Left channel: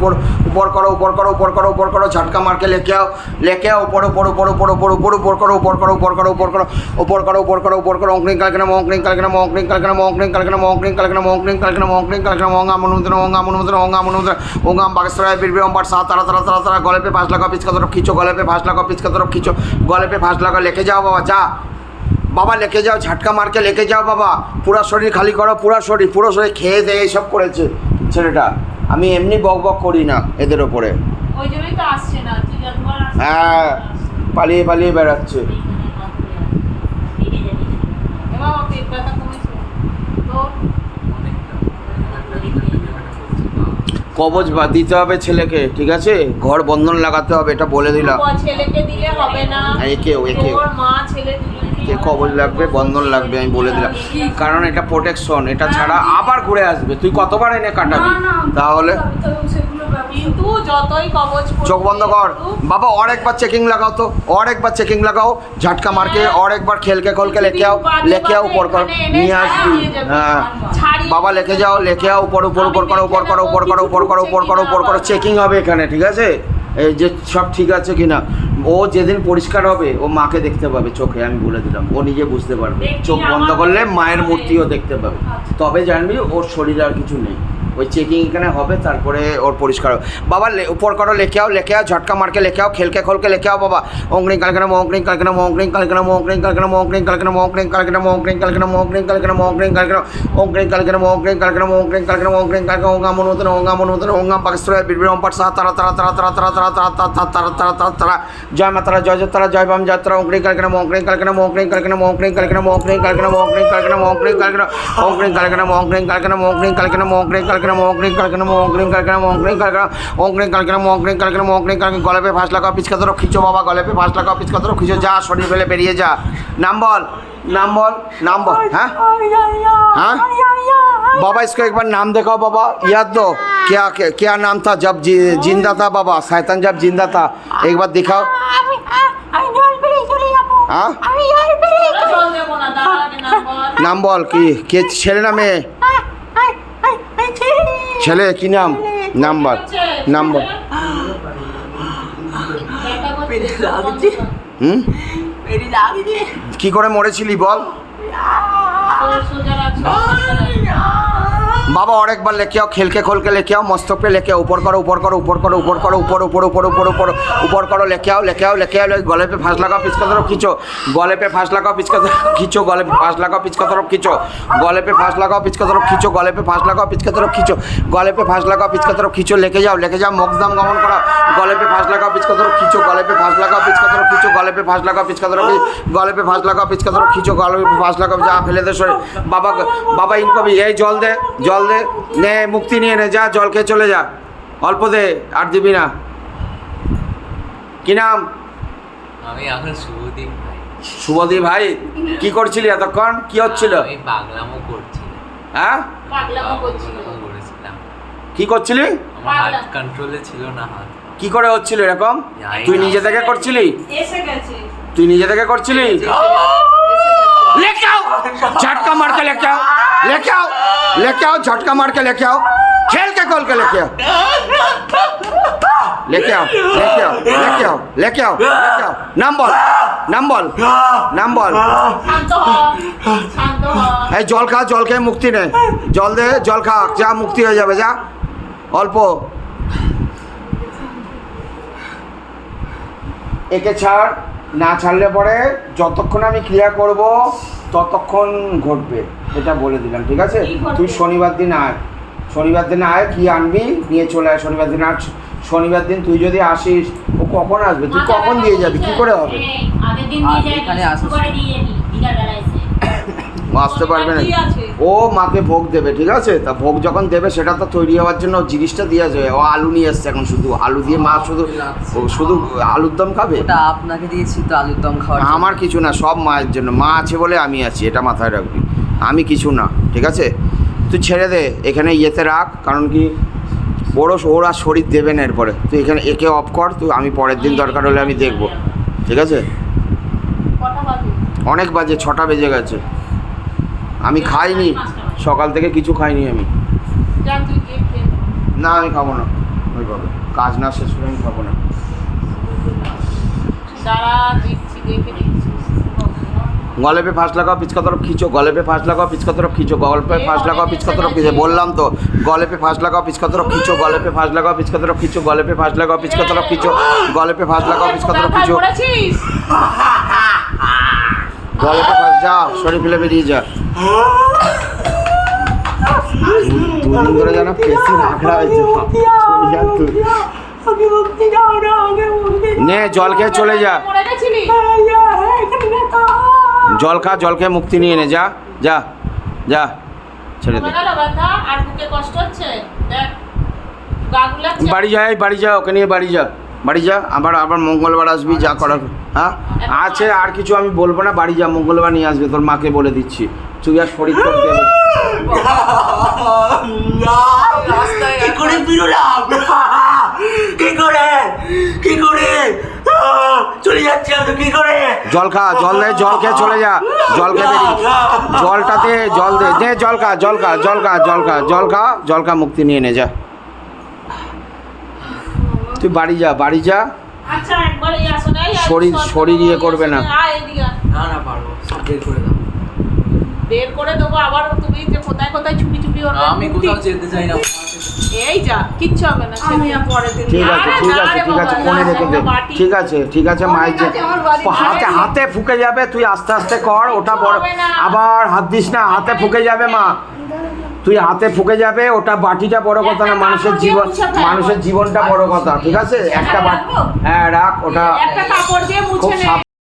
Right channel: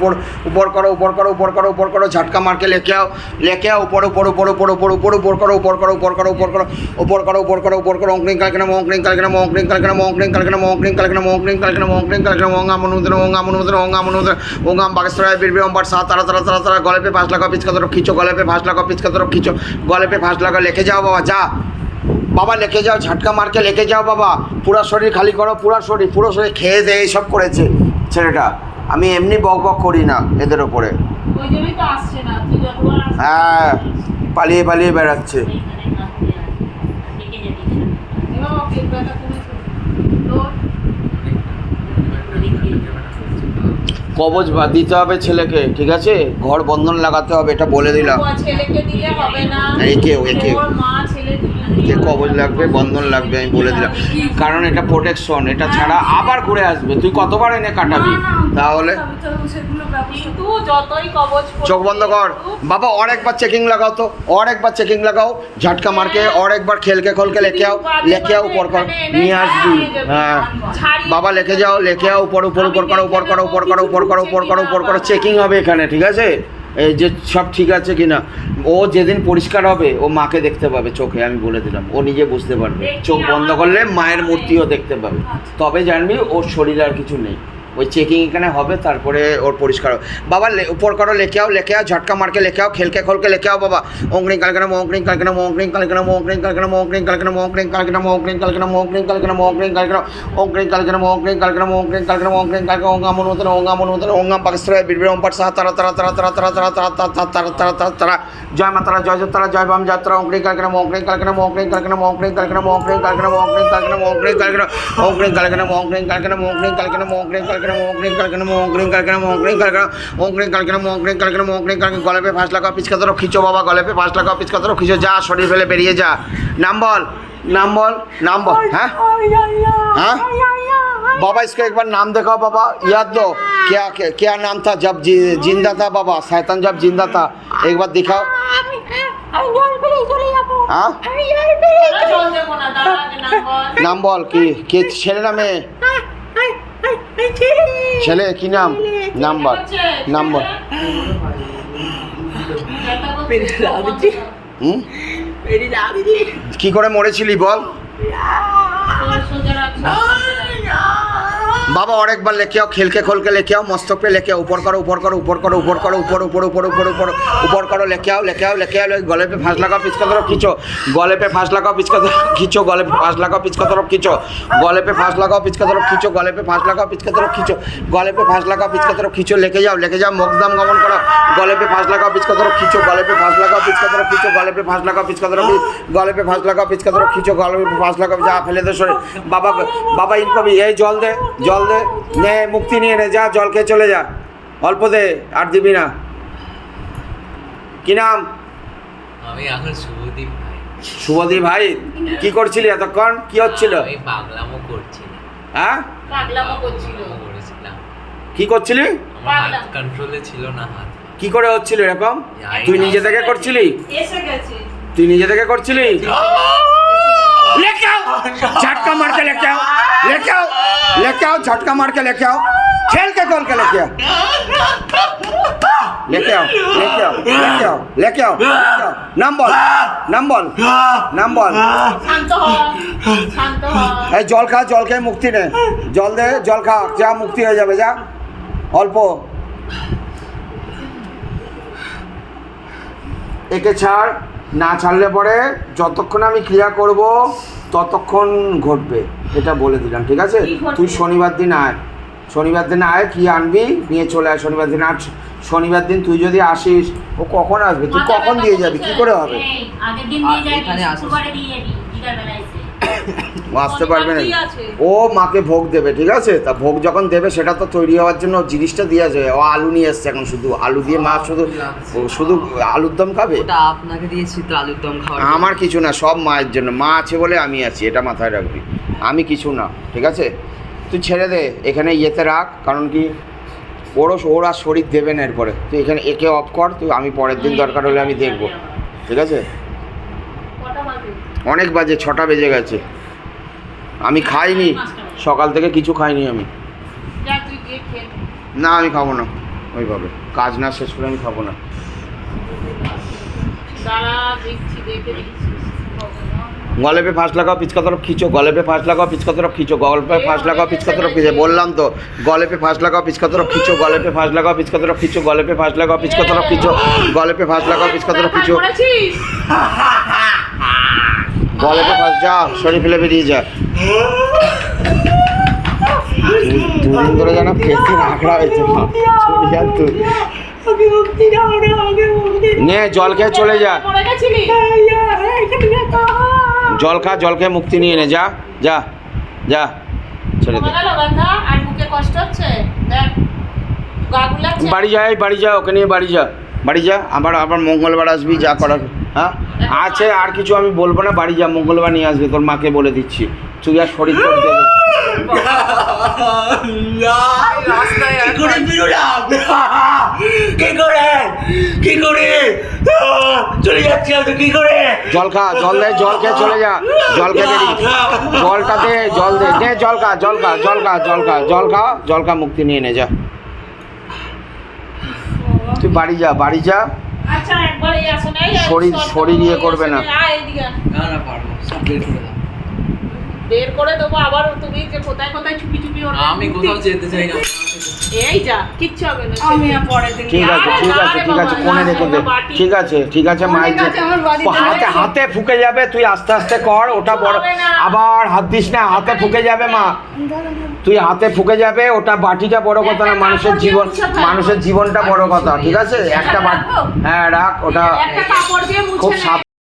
ऊपर करो ऊपर करो ऊपर करो ऊपर करो झटका मार के लेके आओ ऊपर ऊपर ऊपर ऊपर ऊपर ऊपर ऊपर करो ऊपर करो ऊपर करो ऊपर करो ऊपर करो ऊपर करो ऊपर करो ओंक्रिंग कलकना मोंक्रिंग कलकना मोंक्रिंग कलकना मोंक्रिंग कलकना मोंक्रिंग कलकना मोंक्रिंग कलकना मोंक्रिंग कलकना ओंगा मनुद्र ओंगा मनुद्र ओंगा मनुद्र ओंगा बागेश्वराय बिरबे ओम पर सात तारा तारा तारा तारा गले पे 5 लगाओ पिच का तरफ खींचो गले पे 5 लगाओ पिच का तरफ खींचो गले पे 5 लगाओ लेके जाओ बाबा जा बाबा लेके जाओ झटका मार के लेके जाओ बाबा पूरा शरीर खाली करो पूरा शरीर খেয়ে দিয়ে সব করেছে ছেলেটা আমি এমনি বক বক করি না এদের ওপরে ওই জন্যই তো আসছে না তুই যতবার আসছিস হ্যাঁ পালিয়ে পালিয়ে বেড়াচ্ছে এবার ও পেটটা কমেছে তো কবজ দিতে হবে ছেলেকে ঠিক আছে ঘর বন্ধন লাগাতে হবে এটা বলে দিলাম ছেলেকে দিলে হবে না একে তোর মা ছেলে একে কবজ লাগবে বন্ধন লাগবে আমি বলে দিলাম কারণ এটা প্রোটেকশন এটা ছাড়া আবার ঘুরে আসবে তুই কতবার এনে কাটাবি তাহলে কিন্তু যতই কবজ চোখ বন্ধ কর বাবা और एक बार चेकिंग लगाओ तो और एक बार चेकिंग लगाओ झटका मार के और एक बार खेल के खोल के लेके आओ ऊपर कर নিয়ে আসবি হ্যাঁ বাবা लेके जाओ ऊपर ऊपर ऊपर करो ऊपर करो ऊपर करो ऊपर करो ऊपर करो ऊपर करो চেকিং হবে এখানে ঠিক আছে এই যে সব ঠিক আছে কিনা ও যেদিন পরিষ্কার হবে ও মাকে দেখতে পাবে চোখে আমি বলে দিলাম ও নিজে বুঝতে পারবে চোখ বন্ধ করলে মায়ের মূর্তিও দেখতে পাবে তবে জানবি ওর শরীরে আর কিছু নেই ওই চেকিং এখানে হবে তারপরে ওর পরিষ্কার বাবা উপর করো লেকে आओ झटका मार के लेके आओ खेल के खोल के लेके आओ बाबा ओंक्रिंग कलकना मोंक्रिंग कलकना मोंक्रिंग कलकना मोंक्रिंग कलकना मोंक्रिंग कलकना मोंक्रिंग कलकना मोंक्रिंग कलकना मोंक्रिंग कलकना मोंक्रिंग कलकना ओंक्रिंग कलकना मोंक्रिंग कलकना मोंक्रिंग कलकना मोंक्रिंग कलकना ओंगा मनुतन ओंगा बागेश्वराय बिरबे ओम पर सात तारा तारा तारा तारा तारा तारा तारा तारा तारा तारा तारा जय माता जय तारा जय बाम यात्रा ओंक्रिंग कलकना मोंक्रिंग कलकना मोंक्रिंग कलकना मोंक्रिंग कलकना मोंक्रिंग कलकना मोंक्रिंग कलकना मोंक्रिंग कलकना ओंक्रिंग कलकना मोंक्रिंग कलकना मोंक्रिंग कलकना मोंक्रिंग कलकना मोंक्रिंग कलकना मोंक्रिंग कलकना मोंक्रिंग कलकना ओंक्रिंग कलकना मोंक्रिंग कलकना मोंक्रिंग कलकना गले पे 5 लगाओ पिच का तरफ खींचो बाबा गले पे 5 लगाओ पिच का तरफ खींचो जा शरीर फैले बेरिए जा नाम बोल हाँ हाँ बाबा इसको एक बार नाम दिखाओ बाबा याद दो क्या क्या नाम था जब जिंदा था बाबा शैतान जब जिंदा था एक बार दिखाओ हाँ नाम बोल कि ছেলে না মেয়ে ছেলে কি নাম নাম বল কি করে মরেছিলি বল बाबा और एक बार लेके आओ खेल के खोल के लेके आओ मस्तक पे लेके आओ ऊपर करो ऊपर करो ऊपर करो ऊपर करो ऊपर ऊपर ऊपर ऊपर ऊपर ऊपर करो लेके आओ गले पे 5 लगाओ पिच का तरफ खींचो गले पे 5 लगाओ पिच का तरफ खींचो गले पे 5 लगाओ पिच का तरफ खींचो गले पे 5 लगाओ पिच का तरफ खींचो गले पे 5 लगाओ पिच का तरफ खींचो गले पे 5 लगाओ पिच का तरफ खींचो लेके जाओ मोक्षधाम गमन करो गले पे 5 लगाओ पिच का तरफ खींचो गले पे 5 लगाओ पिच का तरफ खींचो गले पे 5 लगाओ पिच का तरफ गले पे 5 लगाओ पिच का तरफ खींचो गले पे 5 लगाओ जा फैले दे शरीर बाबा इनको भी यही जल दे নে মুক্তি নিয়ে নে যা জল খেয়ে চলে যা অল্প দে আর দিবি না কি নাম আমি এখন শুভদীপ ভাই কি করছিলি এতক্ষণ কি হচ্ছিল আমি পাগলামো করছিলাম হ্যাঁ পাগলামো করছিলাম কি করছিলি আমার হাত কন্ট্রোলে ছিল না হাত কি করে হচ্ছিল এরকম তুই নিজে থেকে করছিলি এসে গেছে তুই নিজে থেকে করছিলি लेके आओ झटका मार के लेके आओ झटका मार के लेके आओ खेल के खोल के लेके आओ नाम बोल শান্ত হ এই জল খেয়ে মুক্তি নে জল দে জল খা যা মুক্তি হয়ে যাবে যা অল্প একে ছাড় না ছাড়লে পরে যতক্ষণ আমি ক্রিয়া করব ততক্ষণ ঘটবে এটা বলে দিলাম ঠিক আছে তুই শনিবার দিন আয় কি আনবি নিয়ে চলে আয় শনিবার দিন তুই যদি আসিস ও কখন আসবে তুই কখন দিয়ে যাবি কি করে হবে আগের দিন দিয়ে যাবি শুক্রবারে দিয়ে যাবি দিদার বেলায় এসে আসতে পারবে না ও মাকে ভোগ দেবে ঠিক আছে তা ভোগ যখন দেবে সেটা তো তৈরি হওয়ার জন্য জিনিসটা দিয়ে যাবে ও আলু নিয়ে এসছে এখন শুধু আলু দিয়ে মা শুধু আলুর দম খাবে আপনাকে দিয়েছি তো আলুর দম খাওয়া আমার কিছু না সব মায়ের জন্য মা আছে বলে আমি আছি এটা মাথায় রাখবি আমি কিছু না ঠিক আছে তুই ছেড়ে দে এখানে ইয়েতে রাখ কারণ কি ওরা শরীর দেবে না এরপরে তুই এখানে একে অফ কর তুই আমি পরের দিন দরকার হলে আমি দেখবো ঠিক আছে অনেক বাজে 6টা বেজে গেছে আমি খাইনি সকাল থেকে কিছু খাইনি আমি যা তুই খেয়ে না আমি খাবো না ওইভাবে কাজ না শেষ করে আমি খাবো না। দাঁড়া দেখছি, দেখে দিচ্ছি। गले पे फांस लगाओ पिचका तरफ खींचो, गले पे फांस लगाओ पिचका तरफ खींचो, गले पे फांस लगाओ पिचका तरफ खींचो, बोललाम तो गले पे फांस लगाओ पिचका तरफ खींचो, गले पे फांस लगाओ पिचका तरफ खींचो, गले पे फांस लगाओ पिचका तरफ खींचो, गले पे फांस लगाओ पिचका तरफ खींचो, করেছিস? गले पे फांस जा शरीर ফেলে বেরিয়ে যা। দুদিন ধরে যেন পেশি রাখড়া হয়েছে নে জল খেয়ে চলে যা, মরে গেছিলি? জল খা, জল খেয়ে মুক্তি নিয়ে নে, যা যা যা ছেড়ে দে। কমে গেল ব্যথা? আর বুকে কষ্ট হচ্ছে? দেখ গা গুলাচ্ছে। বাড়ি যাই, বাড়ি যা, ওকে নিয়ে বাড়ি যা, বাড়ি যা, আবার আবার মঙ্গলবার আসবি, যা করার। হ্যাঁ আছে, আর কিছু আমি বলবো না, বাড়ি যা, মঙ্গলবার নিয়ে আসবে, তোর মাকে বলে দিচ্ছি, তুই আর শরীর করতে হবে। কি করে বেরোলাম? কি করে চলে যাচ্ছে আমি, কি করে? জল খা, জল দে, জল খেয়ে চলে যা, জল খেয়ে বেরিয়ে, জলটা দে, জল দে, দে জল খা, জল খা, জল খা, জল খা, জল খা, জল খা, মুক্তি নিয়ে নে, যা তুই বাড়ি যা, বাড়ি যা। আচ্ছা একবার এই আসো না, শরীর ইয়ে করবে না। এদিকে না না পারবো, সব বের করে দাও। বের করে দেবো আবার, তুমি যে কোথায় কোথায় চুপি চুপি ওর আমি কোথাও যেতে চাই না। এই যা, কিচ্ছু হবে না। আমি আর পরের দিন ঠিক আছে, ঠিক আছে, ঠিক আছে, কোণে রেখে দে, ঠিক আছে, ঠিক আছে, মায়ের যে হাতে হাতে ফুকে যাবে, তুই আস্তে আস্তে কর, ওটা বড়, আবার হাত দিস না, হাতে ফুকে যাবে মা, তুই হাতে ফুকে যাবে, ওটা বাটিটা বড় কথা না, মানুষের জীবন, মানুষের জীবনটা বড় কথা, ঠিক আছে, একটা বাটি, হ্যাঁ রাখ, ওটা একটা কাপড় দিয়ে মুছে খুব নে।